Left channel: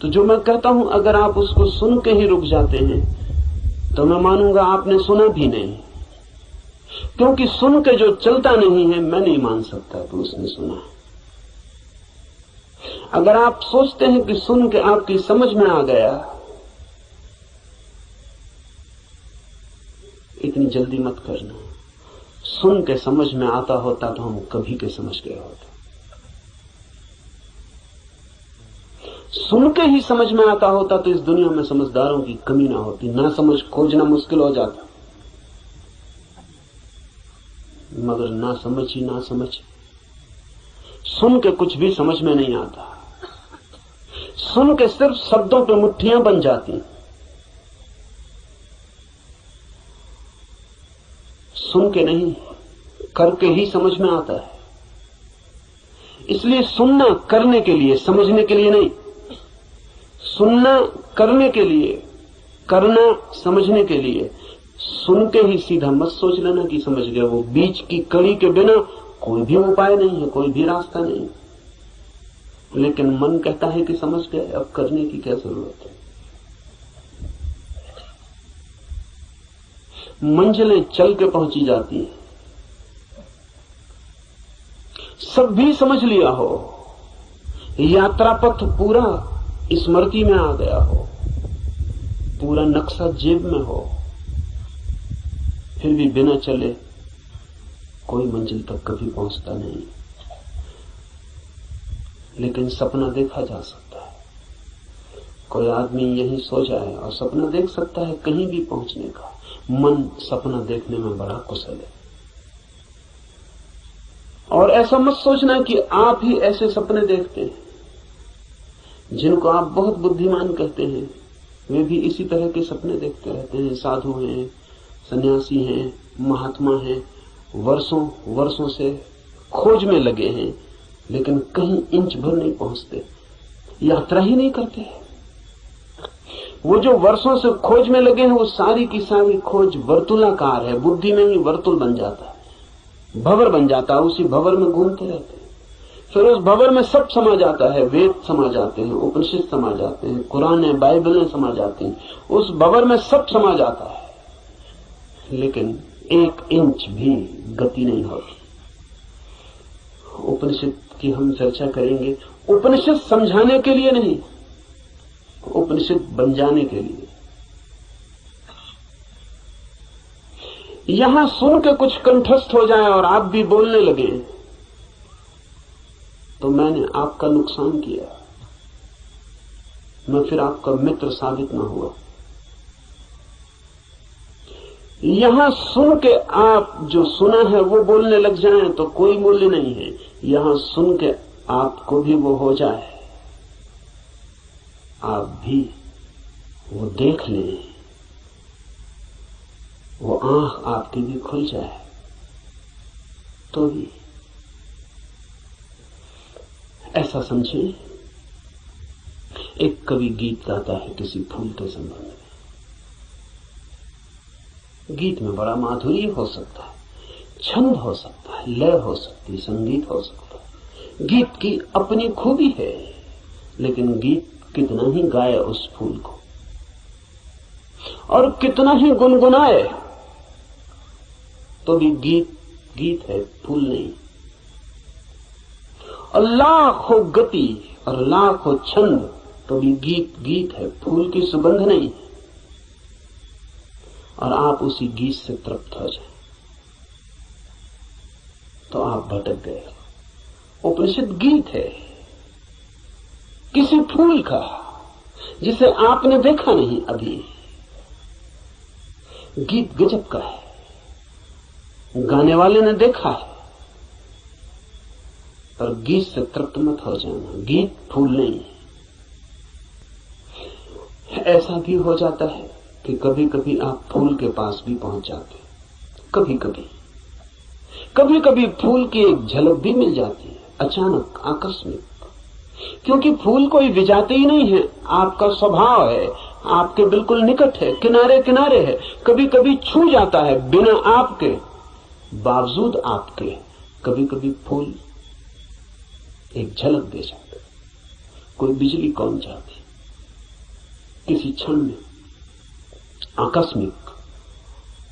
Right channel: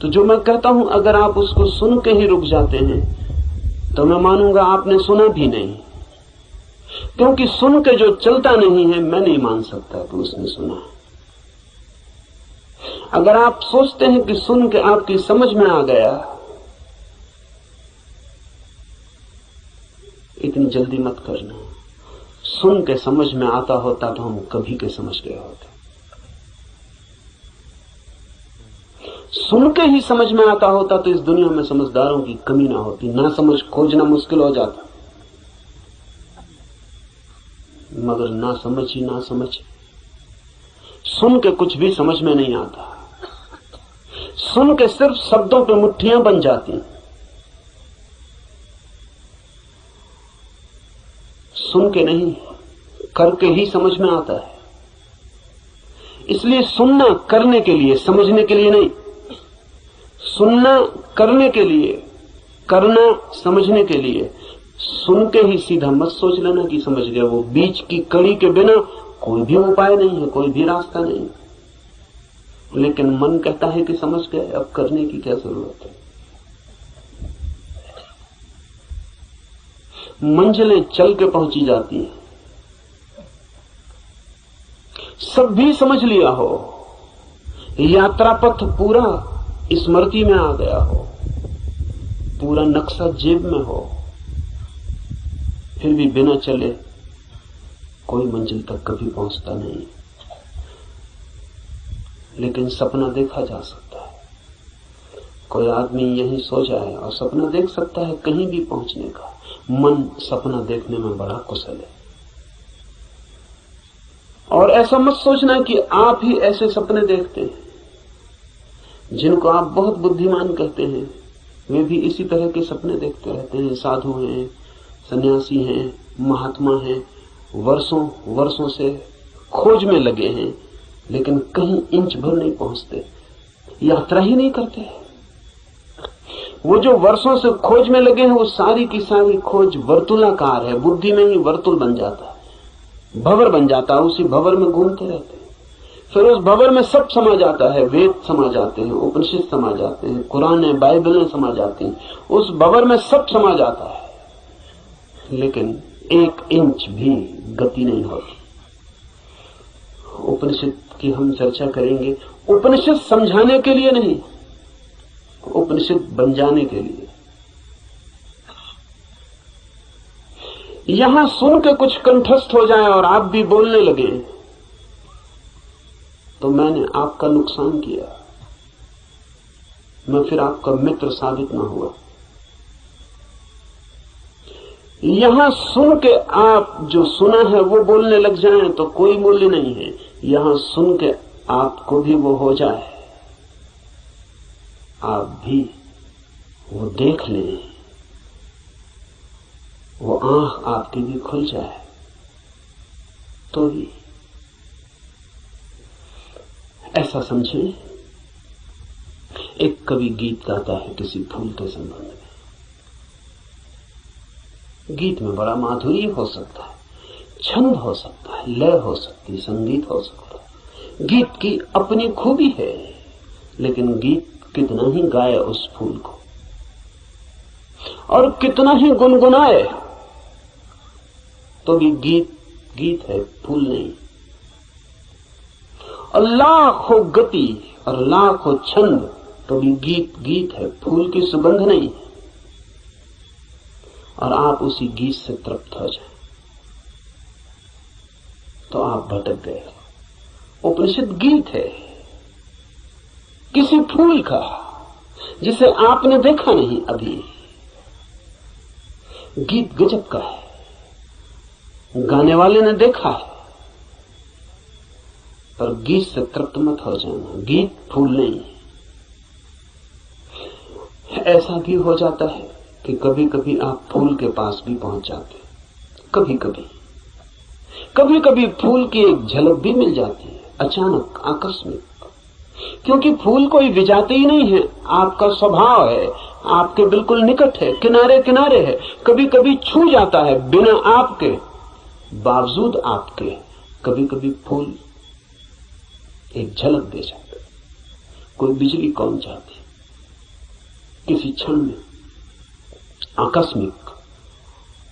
तो जो मैं कहता हूं अगर आप उसको सुन के ही रुक जाते हैं तो मैं मानूंगा आपने सुना भी नहीं, क्योंकि सुन के जो चलता नहीं है मैं नहीं मान सकता कि उसने सुना है। अगर आप सोचते हैं कि सुन के आपकी समझ में आ गया, इतनी जल्दी मत करना। सुन के समझ में आता होता तो हम कभी के समझ गए होते। सुन के ही समझ में आता होता तो इस दुनिया में समझदारों की कमी ना होती, ना समझ खोजना मुश्किल हो जाता। मगर ना समझ ही ना समझ, सुन के कुछ भी समझ में नहीं आता। सुन के सिर्फ शब्दों पे मुट्ठियां बन जाती। सुन के नहीं, करके ही समझ में आता है। इसलिए सुनना करने के लिए, समझने के लिए नहीं। सुनना करने के लिए, करना समझने के लिए। सुन के ही सीधा मत सोच लेना कि समझ गया। वो बीच की कड़ी के बिना कोई भी उपाय नहीं है, कोई भी रास्ता नहीं। लेकिन मन कहता है कि समझ गए, अब करने की क्या जरूरत है। मंजिलें चल के पहुंची जाती हैं। सब भी समझ लिया हो, यात्रा पथ पूरा स्मृति में आ गया हो, पूरा नक्शा जेब में हो, फिर भी बिना चले कोई मंजिल तक कभी पहुंचता नहीं। लेकिन सपना देखा जा सकता है। कोई आदमी यहीं सो जाए और सपना देख सकता है कहीं भी पहुंचने का। मन सपना देखने में बड़ा कुशल है। और ऐसा मत सोचना कि आप ही ऐसे सपने देखते हैं। जिनको आप बहुत बुद्धिमान कहते हैं वे भी इसी तरह के सपने देखते रहते हैं। साधु हैं, सन्यासी हैं, महात्मा हैं, वर्षों वर्षों से खोज में लगे हैं, लेकिन कहीं इंच भर नहीं पहुंचते, यात्रा ही नहीं करते। वो जो वर्षों से खोज में लगे हैं वो सारी की सारी खोज वर्तुलाकार है। बुद्धि में ही वर्तुल बन जाता है, भंवर बन जाता है। उसी भंवर में घूमते रहते हैं। फिर उस भंवर में सब समा जाता है। वेद समा जाते हैं, उपनिषद समा जाते हैं, कुरान बाइबलें समा जाती हैं। उस भंवर में सब समा जाता है, लेकिन एक इंच भी गति नहीं होती। उपनिषद की हम चर्चा करेंगे। उपनिषद समझाने के लिए नहीं, उपनिषद बन जाने के लिए। यहां सुन के कुछ कंठस्थ हो जाए और आप भी बोलने लगे तो मैंने आपका नुकसान किया, मैं फिर आपका मित्र साबित न हुआ। यहां सुन के आप जो सुना है वो बोलने लग जाएं तो कोई मूल्य नहीं है। यहां सुन के आपको भी वो हो जाए, आप भी वो देख लें, वो आंख आपकी भी खुल जाए तो भी। ऐसा समझें, एक कवि गीत गाता है किसी फूल के संबंध में। गीत में बड़ा माधुर्य हो सकता है, छंद हो सकता है, लय हो सकती है, संगीत हो सकता है। गीत की अपनी खूबी है, लेकिन गीत कितना ही गाए उस फूल को और कितना ही गुनगुनाए तो भी गीत गीत है, फूल नहीं। और लाखों गति और लाखों छंद तो भी गीत गीत है, फूल की सुगंध नहीं। और आप उसी गीत से तृप्त हो जाए तो आप भटक गए। उपनिषद गीत है किसी फूल का जिसे आपने देखा नहीं अभी। गीत गजब का है, गाने वाले ने देखा है, पर गीत से तृप्त मत हो जाना। गीत फूल नहीं। ऐसा भी हो जाता है कि कभी कभी आप फूल के पास भी पहुंच जाते। कभी कभी फूल की एक झलक भी मिल जाती है, अचानक, आकस्मिक। क्योंकि फूल कोई विजाती ही नहीं है, आपका स्वभाव है, आपके बिल्कुल निकट है, किनारे किनारे है। कभी कभी छू जाता है बिना आपके, बावजूद आपके। कभी कभी फूल एक झलक दे जाता है। कोई बिजली कौन जाती, किसी क्षण में आकस्मिक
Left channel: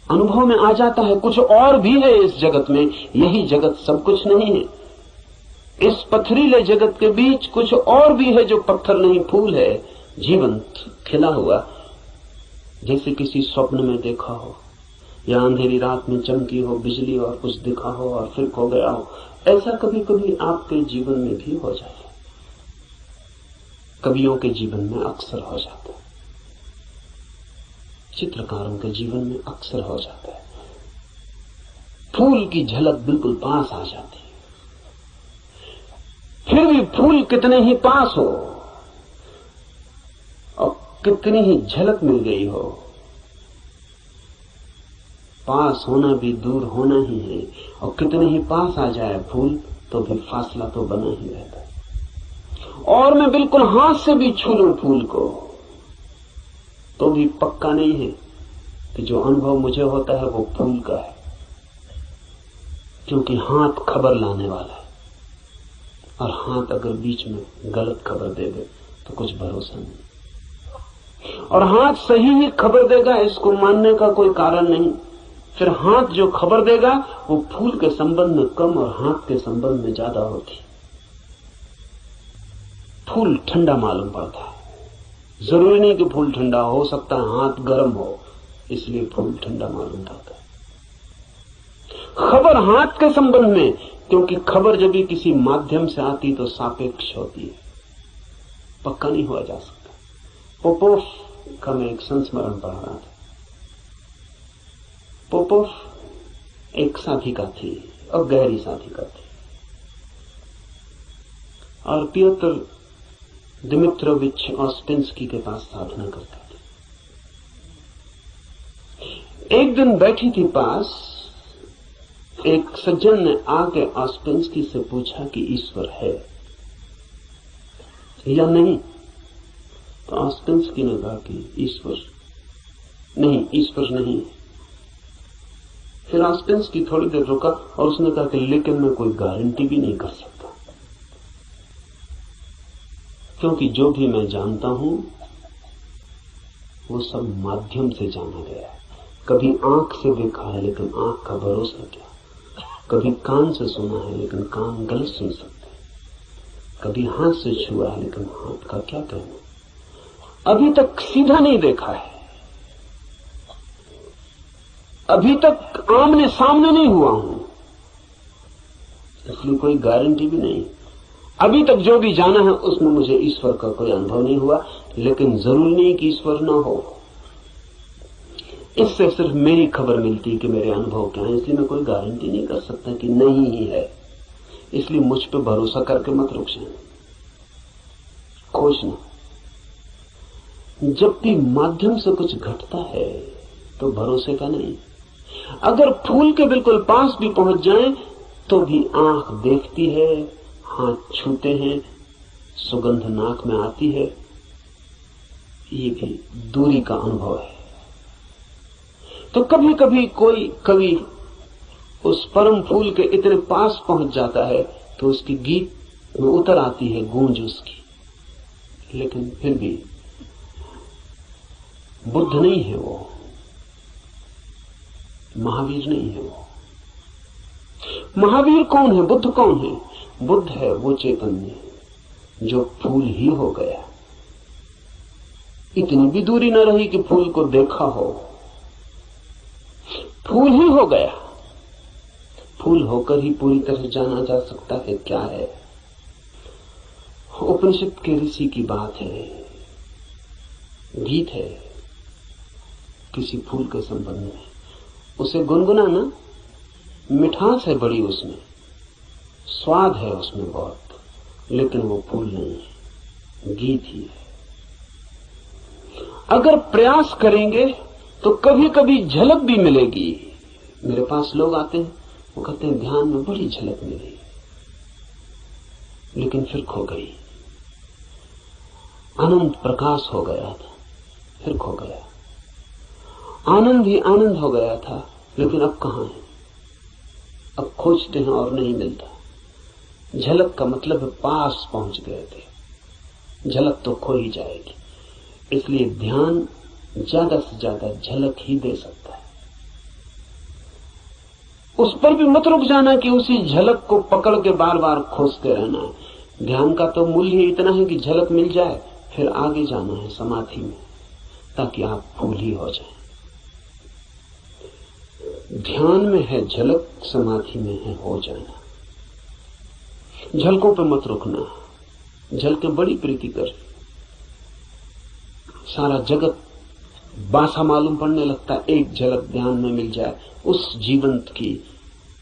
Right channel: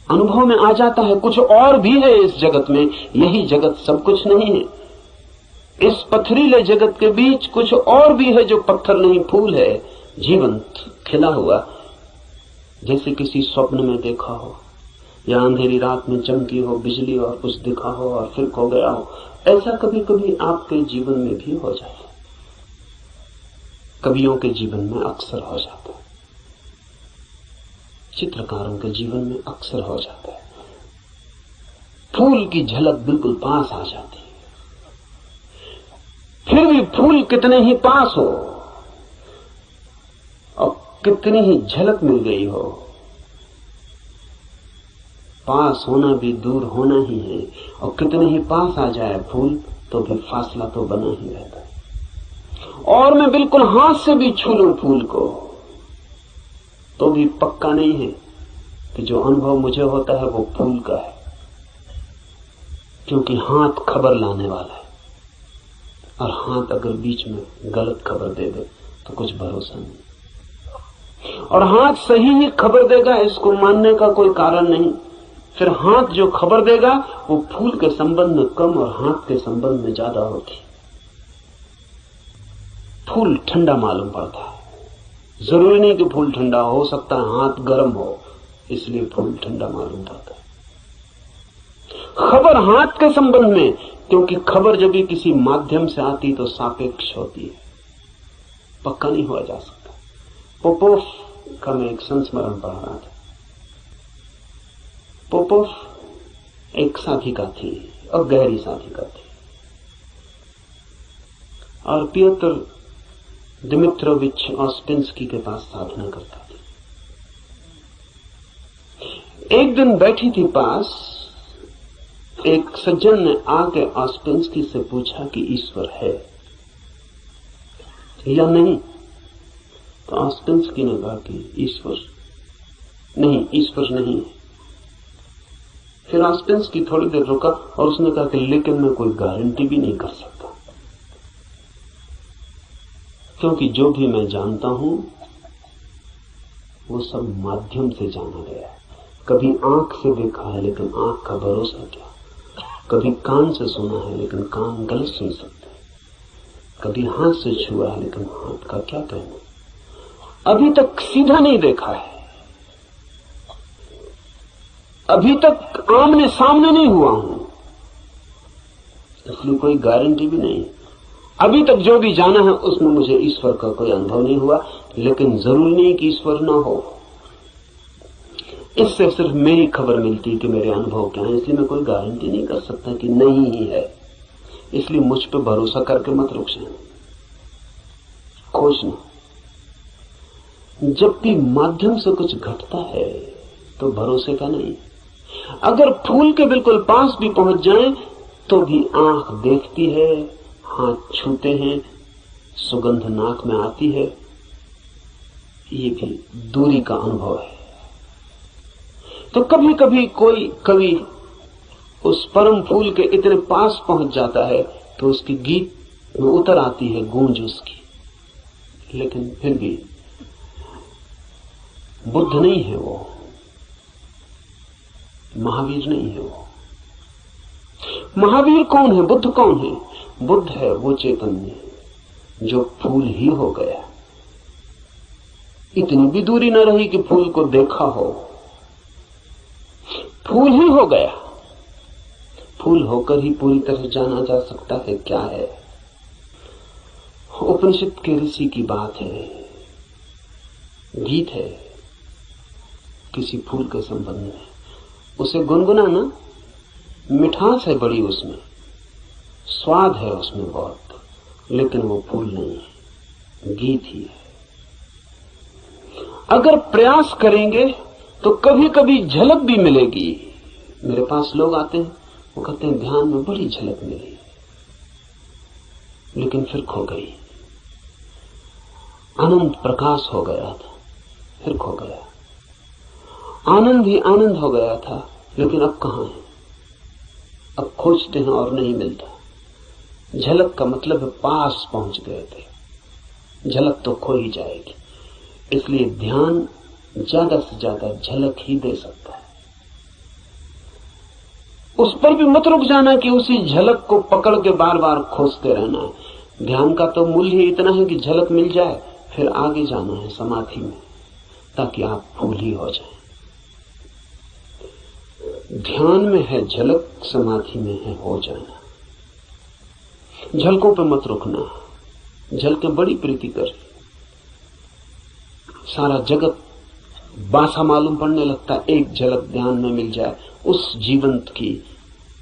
अनुभव में आ जाता है कुछ और भी है इस जगत में, यही जगत सब कुछ नहीं है। इस पथरीले जगत के बीच कुछ और भी है जो पत्थर नहीं, फूल है, जीवंत खिला हुआ, जैसे किसी स्वप्न में देखा हो या अंधेरी रात में चमकी हो बिजली और कुछ दिखा हो और फिर खो गया हो। ऐसा कभी कभी आपके जीवन में भी हो जाता है, कवियों के जीवन में अक्सर हो जाता है, चित्रकारों के जीवन में अक्सर हो जाता है। फूल की झलक बिल्कुल पास आ जाती है, फिर भी फूल कितने ही पास हो और कितनी ही झलक मिल गई हो, पास होना भी दूर होना ही है। और कितने ही पास आ जाए फूल तो भी फासला तो बना ही रहता है। और मैं बिल्कुल हाथ से भी छू लूं फूल को तो भी पक्का नहीं है कि जो अनुभव मुझे होता है वो फूल का है, क्योंकि हाथ खबर लाने वाला है और हाथ अगर बीच में गलत खबर दे दे तो कुछ भरोसा नहीं। और हाथ सही ही खबर देगा इसको मानने का कोई कारण नहीं। फिर हाथ जो खबर देगा वो फूल के संबंध में कम और हाथ के संबंध में ज्यादा होती। फूल ठंडा मालूम पड़ता है, जरूरी नहीं कि फूल ठंडा हो सकता है हाथ गर्म हो, इसलिए फूल ठंडा मालूम पड़ता है। खबर हाथ के संबंध में, क्योंकि खबर जब भी किसी माध्यम से आती तो सापेक्ष होती है, पक्का नहीं हुआ जा सकता। पोपोव का मैं एक संस्मरण पढ़ रहा था। पोपोव एक साधिका थी और गहरी साधिका थी, और पियोत्र दिमित्रोविच ऑस्पेंस्की के पास साधना करता था। एक दिन बैठी थी पास, एक सज्जन ने आके ऑस्पेंस्की से पूछा कि ईश्वर है या नहीं। तो ऑस्पेंस्की ने कहा कि ईश्वर नहीं। फिर ऑस्पेंस्की थोड़ी देर रुका और उसने कहा कि लेकिन मैं कोई गारंटी भी नहीं कर सकता, क्योंकि जो भी मैं जानता हूं वो सब माध्यम से जाना गया है। कभी आंख से देखा है लेकिन आंख का भरोसा क्या, कभी कान से सुना है लेकिन कान गलत सुन सकते हैं, कभी हाथ से छुआ है लेकिन हाथ का क्या कहना, अभी तक सीधा नहीं देखा है, अभी तक आमने सामने नहीं हुआ हूं, इसलिए कोई गारंटी भी नहीं। अभी तक जो भी जाना है उसमें मुझे ईश्वर का कोई अनुभव नहीं हुआ, लेकिन जरूरी नहीं कि ईश्वर ना हो। इससे सिर्फ मेरी खबर मिलती है कि मेरे अनुभव क्या है, इसलिए मैं कोई गारंटी नहीं कर सकता कि नहीं ही है। इसलिए मुझ पर भरोसा करके मत रुक जाए, खोजना। जब भी माध्यम से कुछ घटता है तो भरोसे का नहीं। अगर फूल के बिल्कुल पास भी पहुंच जाए तो भी आंख देखती है, हाथ छूते हैं, सुगंध नाक में आती है, ये भी दूरी का अनुभव है। तो कभी कभी कोई कवि उस परम फूल के इतने पास पहुंच जाता है तो उसकी गीत में उतर आती है गूंज उसकी, लेकिन फिर भी बुद्ध नहीं है वो, महावीर नहीं है वो। महावीर कौन है, बुद्ध कौन है? बुद्ध है वो चैतन्य जो फूल ही हो गया। इतनी भी दूरी न रही कि फूल को देखा हो, फूल ही हो गया। फूल होकर ही पूरी तरह जाना जा सकता है क्या है। उपनिषद के ऋषि की बात है, गीत है किसी फूल के संबंध में, उसे गुनगुनाना, मिठास है बड़ी उसमें, स्वाद है उसमें बहुत, लेकिन वो फूल नहीं है, गीत ही है। अगर प्रयास करेंगे तो कभी कभी झलक भी मिलेगी। मेरे पास लोग आते हैं, वो कहते हैं ध्यान में बड़ी झलक मिली, लेकिन फिर खो गई। अनंत प्रकाश हो गया था, फिर खो गया। आनंद ही आनंद हो गया था, लेकिन अब कहां है? अब खोजते हैं और नहीं मिलता। झलक का मतलब है पास पहुंच गए थे, झलक तो खो ही जाएगी। इसलिए ध्यान ज्यादा से ज्यादा झलक ही दे सकता है। उस पर भी मत रुक जाना कि उसी झलक को पकड़ के बार बार खोजते रहना है। ध्यान का तो मूल्य इतना है कि झलक मिल जाए, फिर आगे जाना है समाधि में, ताकि आप फूल ही हो जाएं। ध्यान में है झलक, समाधि में है हो जाना। झलकों पे मत रुकना। झलकें बड़ी प्रीति कर, सारा जगत बासा मालूम पड़ने लगता है। एक झलक ध्यान में मिल जाए उस जीवंत की,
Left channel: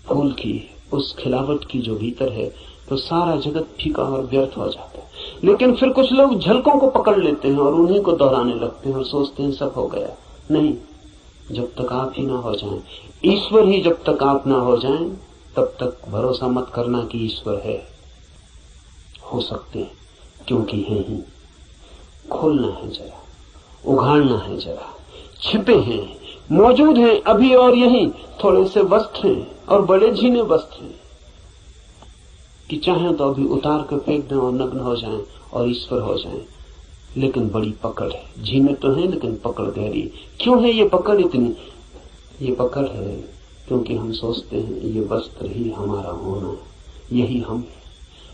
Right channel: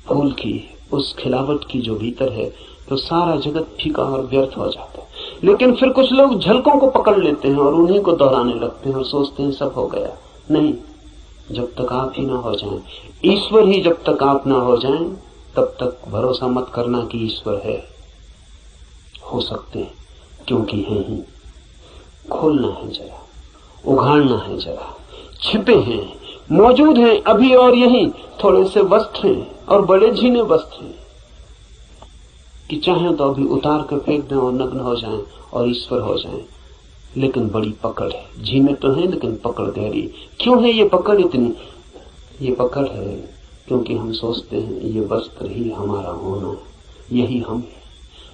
फूल की, उस खिलावट की जो भीतर है, तो सारा जगत फीका और व्यर्थ हो जाता है। लेकिन फिर कुछ लोग झलकों को पकड़ लेते हैं और उन्हीं को दोहराने लगते हैं और सोचते हैं सब हो गया। नहीं, जब तक आप ही ना हो जाएं, ईश्वर ही जब तक आप ना हो जाएं, तब तक भरोसा मत करना कि ईश्वर है। हो सकते हैं, क्योंकि है ही। खोलना है जरा, उघाड़ना है जरा। छिपे हैं, मौजूद हैं अभी और यहीं। थोड़े से वस्त्र हैं और बड़े झीने वस्त्र हैं कि चाहें तो अभी उतार कर फेंक दें और नग्न हो जाएं और ईश्वर हो जाएं। लेकिन बड़ी पकड़ है। झीने तो हैं लेकिन पकड़ गहरी। क्यों है ये पकड़ इतनी? ये पकड़ है क्योंकि हम सोचते हैं ये वस्त्र ही हमारा होना, यही हम है।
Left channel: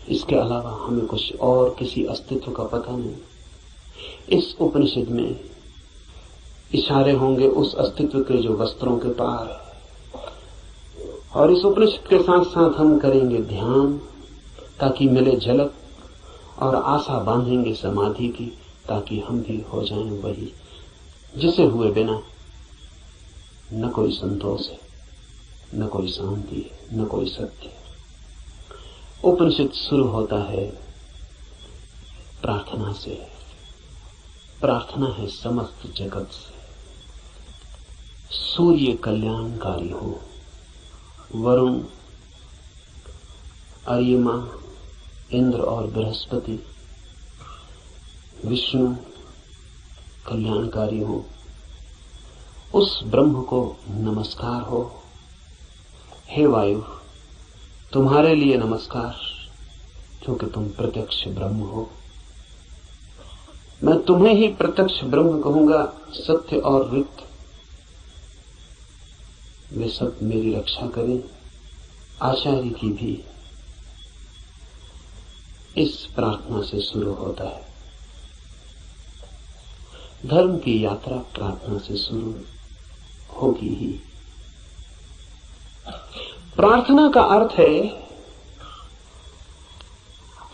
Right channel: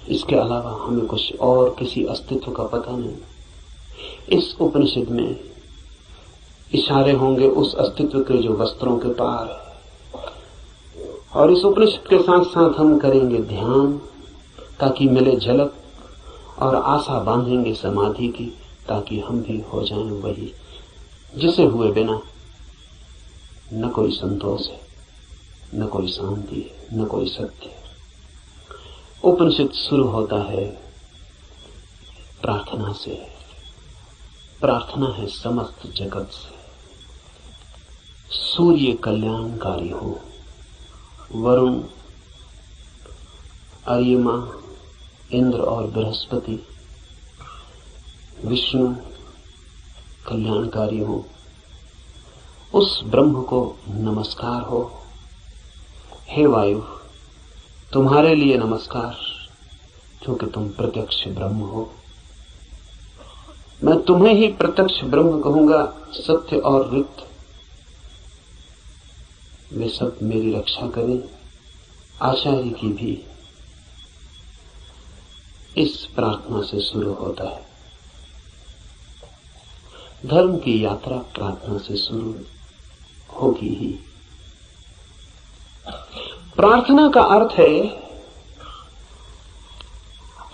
इसके अलावा हमें कुछ और किसी अस्तित्व का पता नहीं। इस उपनिषद में इशारे होंगे उस अस्तित्व के जो वस्त्रों के पार है, और इस उपनिषद के साथ साथ हम करेंगे ध्यान ताकि मिले झलक, और आशा बांधेंगे समाधि की ताकि हम भी हो जाएं वही जिसे हुए बिना न कोई संतोष है, न कोई शांति है, न कोई सत्य है। उपनिषद शुरू होता है प्रार्थना से। प्रार्थना है समस्त जगत से। सूर्य कल्याणकारी हो, वरुण, अर्यमा, इंद्र और बृहस्पति, विष्णु कल्याणकारी हो। उस ब्रह्म को नमस्कार हो। हे वायु, तुम्हारे लिए नमस्कार, क्योंकि तुम प्रत्यक्ष ब्रह्म हो। मैं तुम्हें ही प्रत्यक्ष ब्रह्म कहूंगा। सत्य और रिक्त वे सब मेरी रक्षा करें, आचार्य की भी। इस प्रार्थना से शुरू होता है। धर्म की यात्रा प्रार्थना से शुरू होगी ही। प्रार्थना का अर्थ है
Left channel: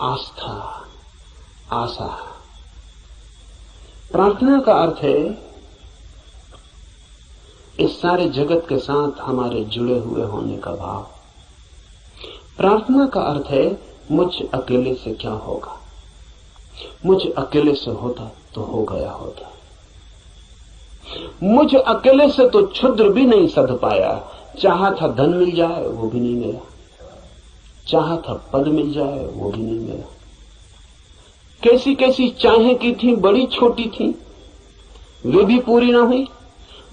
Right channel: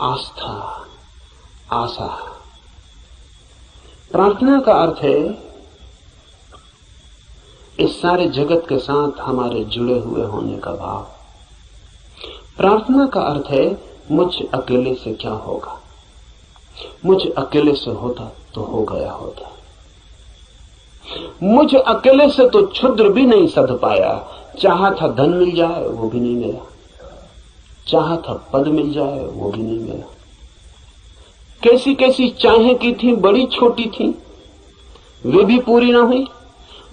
आस्था, आशा। प्रार्थना का अर्थ है इस सारे जगत के साथ हमारे जुड़े हुए होने का भाव। प्रार्थना का अर्थ है मुझ अकेले से क्या होगा, मुझ अकेले से होता तो हो गया होता, मुझ अकेले से तो क्षुद्र भी नहीं सध पाया। चाहा था धन मिल जाए वो भी नहीं मिला, चाहा था पद मिल जाए वो भी नहीं मिला। कैसी कैसी चाहें की थी, बड़ी छोटी थी, वे भी पूरी ना हुई।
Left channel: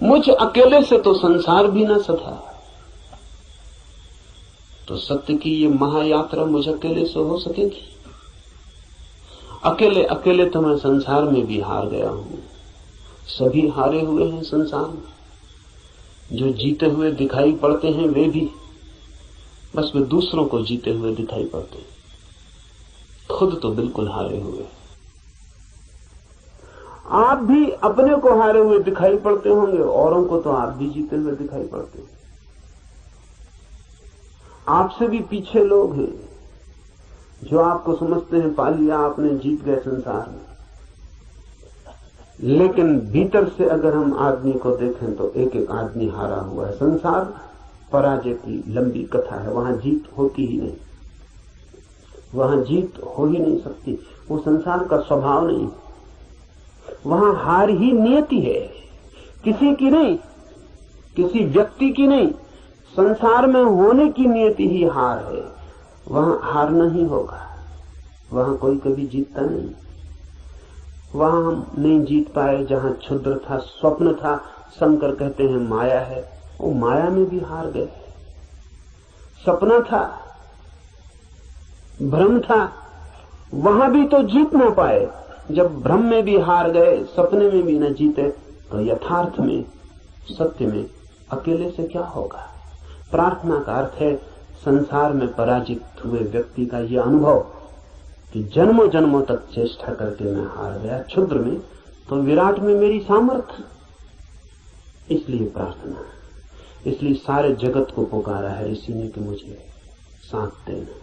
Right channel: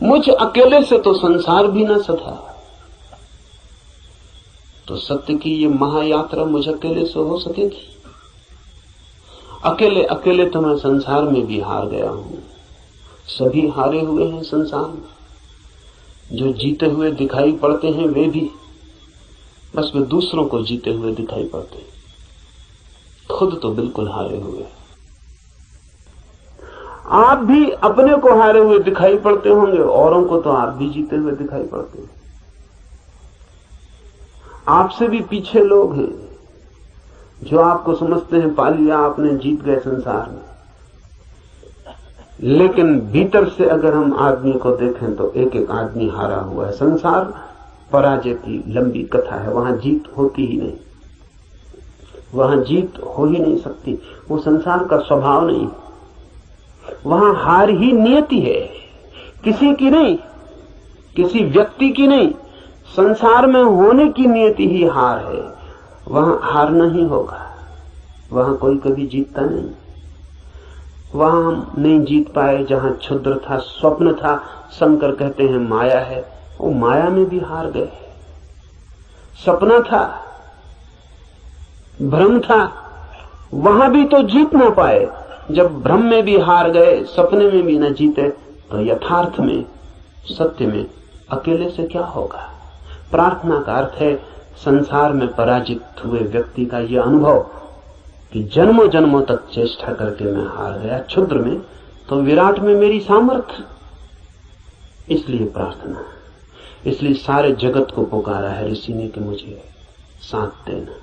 मुझ अकेले से तो संसार भी ना सधा। तो सत्य की ये महायात्रा मुझ अकेले से हो सकेगी? अकेले अकेले तो मैं संसार में भी हार गया हूं। सभी हारे हुए हैं संसार में। जो जीते हुए दिखाई पड़ते हैं वे भी, बस वे दूसरों को जीते हुए दिखाई पड़ते हैं, खुद तो बिल्कुल हारे हुए। आप भी अपने को हारे हुए दिखाई पड़ते होंगे, औरों को तो आप भी जीते हुए दिखाई पड़ते हैं। आपसे भी पीछे लोग हैं जो आपको समझते हैं पा लिया आपने, जीत गए संसार में। लेकिन भीतर से अगर हम आदमी को देखें तो एक एक आदमी हारा हुआ है। संसार पराजय की लंबी कथा है, वहां जीत होती ही नहीं, वहां जीत हो ही नहीं सकती। वो संसार का स्वभाव नहीं, वहां हार ही नियति है, किसी की नहीं, किसी व्यक्ति की नहीं। संसार में होने की नियति ही हार है। वहां हारना ही होगा, वहां कोई कभी जीतता नहीं। वहां हम नहीं जीत पाए जहां क्षुद्र था, स्वप्न था। शंकर कहते हैं माया है, वो माया में भी हार गए। सपना था, भ्रम था, वहां भी तो जीत ना पाए। जब भ्रम में भी हार गए, सपने में भी न जीते, तो यथार्थ में, सत्य में अकेले से क्या होगा? प्रार्थना का अर्थ है संसार में पराजित हुए व्यक्ति का यह अनुभव कि जन्मों जन्मों तक चेष्टा करके मैं हार गया क्षुद्र में, तो विराट में मेरी सामर्थ्य। इसलिए प्रार्थना, इसलिए सारे जगत को पुकारा है ऋषि ने कि मुझे साथ देना।